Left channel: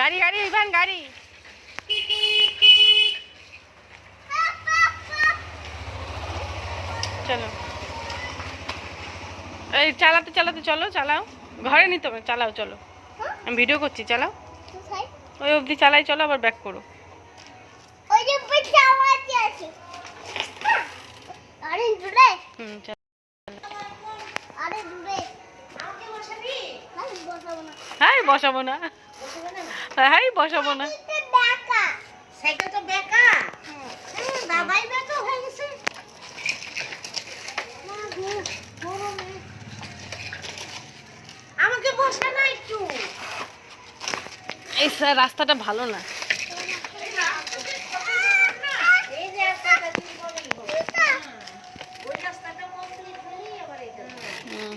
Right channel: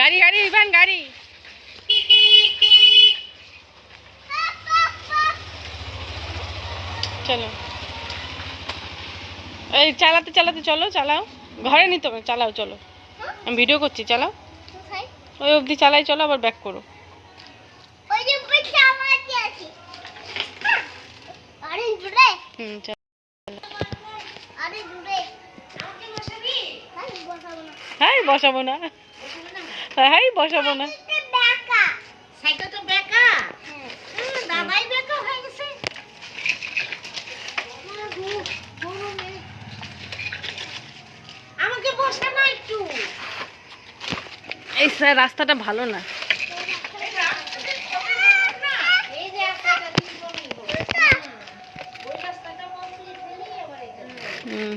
গাড়ি গাড়ি ইভান গাড়ি। চলো এই চালাতে চালাতে চলো, চালাও। ঘরে নিতে হবে, চালাও চলো। আমি ভিডিও করছি, চালাও। ওই অবধি চালাই, চলো আবার ব্যাক করো। হুম চলো। হ্যাঁ বসাবো না, হ্যাঁ বসাবো না। আমাকে বসা না একটু। এই স্যার রাস্তাটা ভালো না। হুম